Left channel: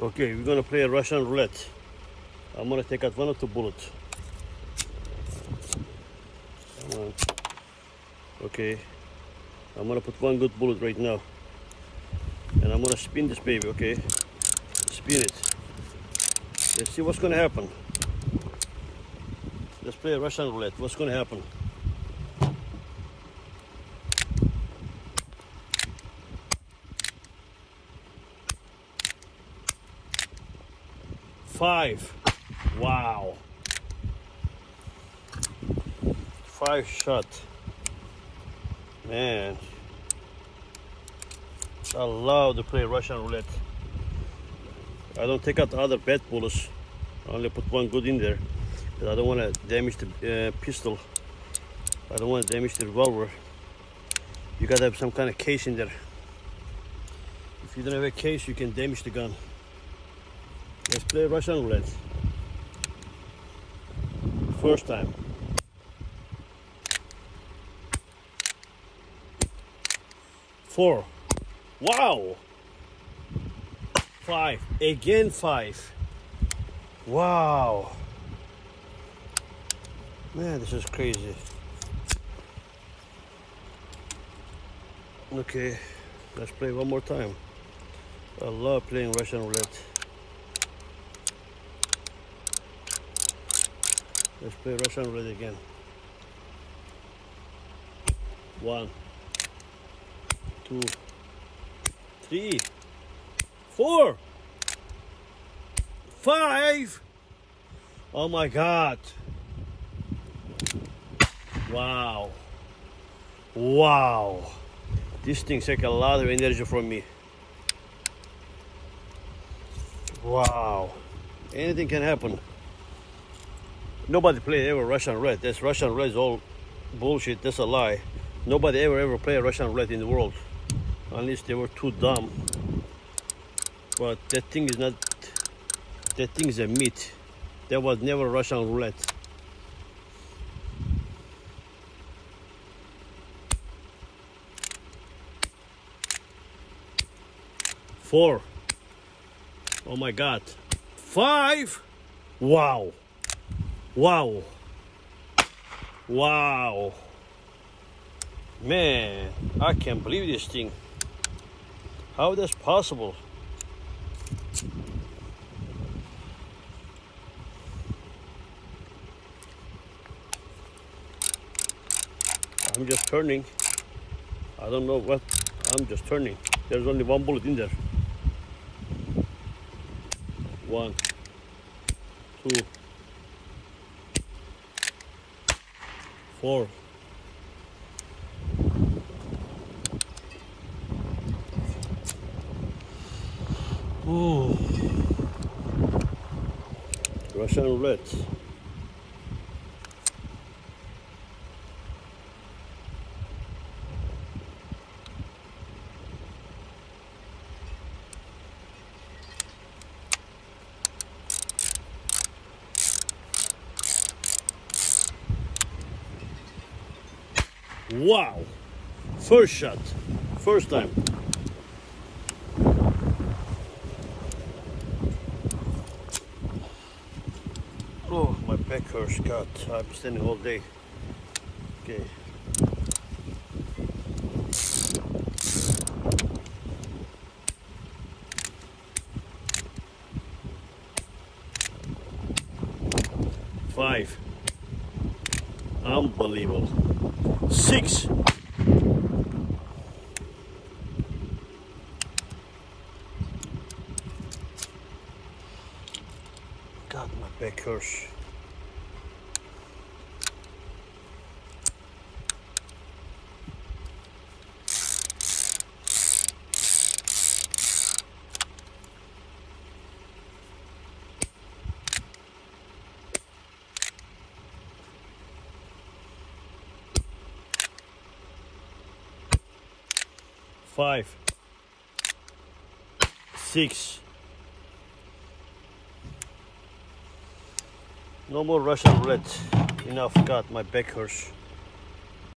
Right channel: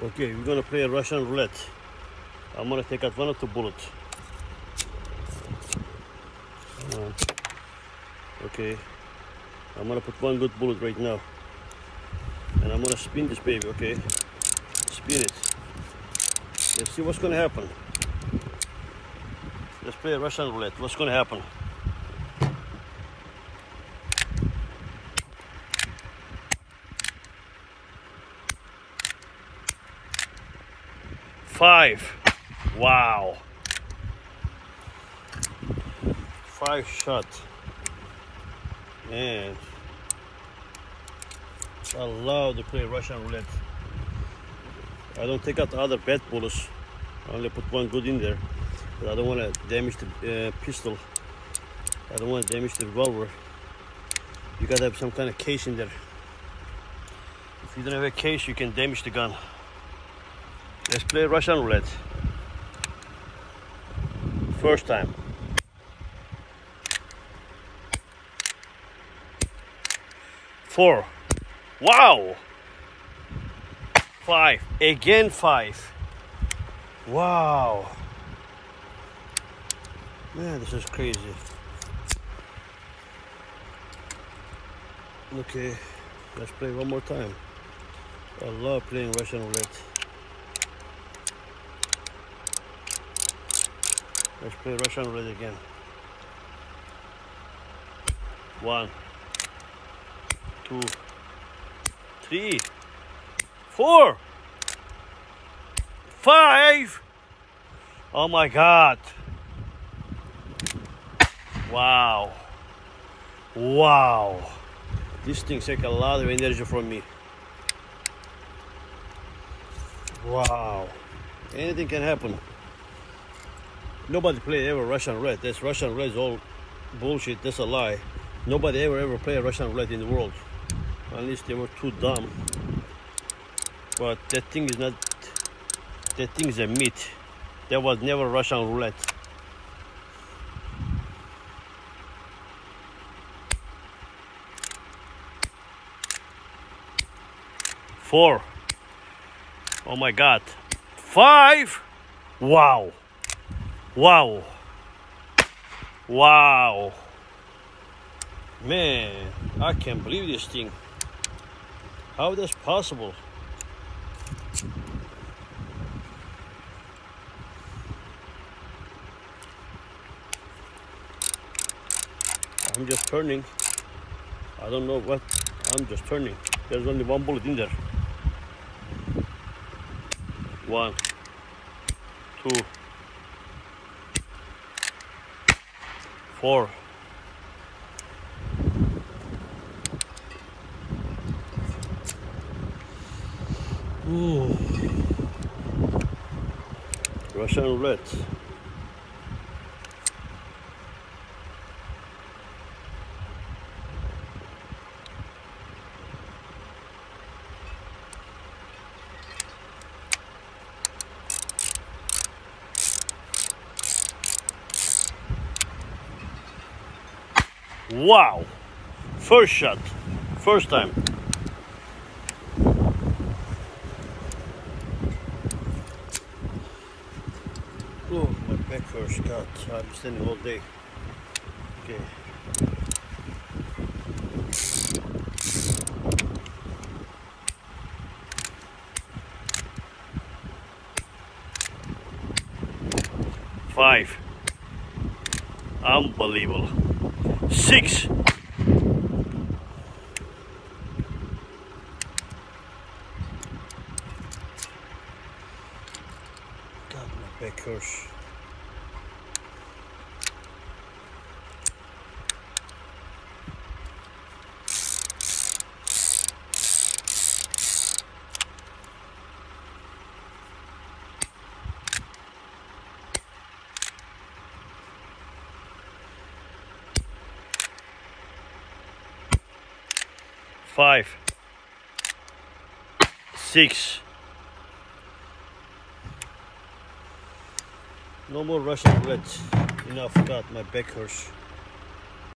Okay, we're gonna play a Russian roulette. I'm gonna take out one of the bullets. Come on. Okay, I'm gonna put one good bullet right now, and I'm gonna spin this baby. Okay, spin it. Let's see what's gonna happen. Let's play a Russian roulette. What's gonna happen? Five. Wow. 5 shot. Man, I love to play Russian roulette. I don't take out the other bad bullets. I only put one good in there. But I don't want to damage the pistol. I don't want to damage the revolver. You gotta have some kind of case in there. If you don't have a case, you can damage the gun. Let's play Russian roulette. First time. 4. Wow. 5. Again 5. Wow. Man, this is crazy. Okay, let's play one more time. I love playing Russian roulette. Let's play Russian roulette again. 1, 2, 3, 4, 5. Oh my God. Wow. Wow. This thing takes a lot of energy from me. Wow. Anything can happen. Nobody played ever Russian roulette. This Russian roulette is all bullshit. That's a lie. Nobody ever played Russian roulette in the world. Unless they were too dumb. But that thing is not. That thing is a myth. There was never Russian roulette. Four. Oh my God. 5. Wow. Wow. Wow. Man, I can't believe this thing. How that's possible? I'm just turning. I don't know what. I'm just turning. There's only one bullet in there. 1, 2, 4. Ooh. Russian roulette. Wow. First shot. First time. Oh, my back hurts. God, I've been standing all day. Okay. Five. Unbelievable. 6. God, my back hurts. Five. 6. No more Russian roulette. Enough. God, my back hurts.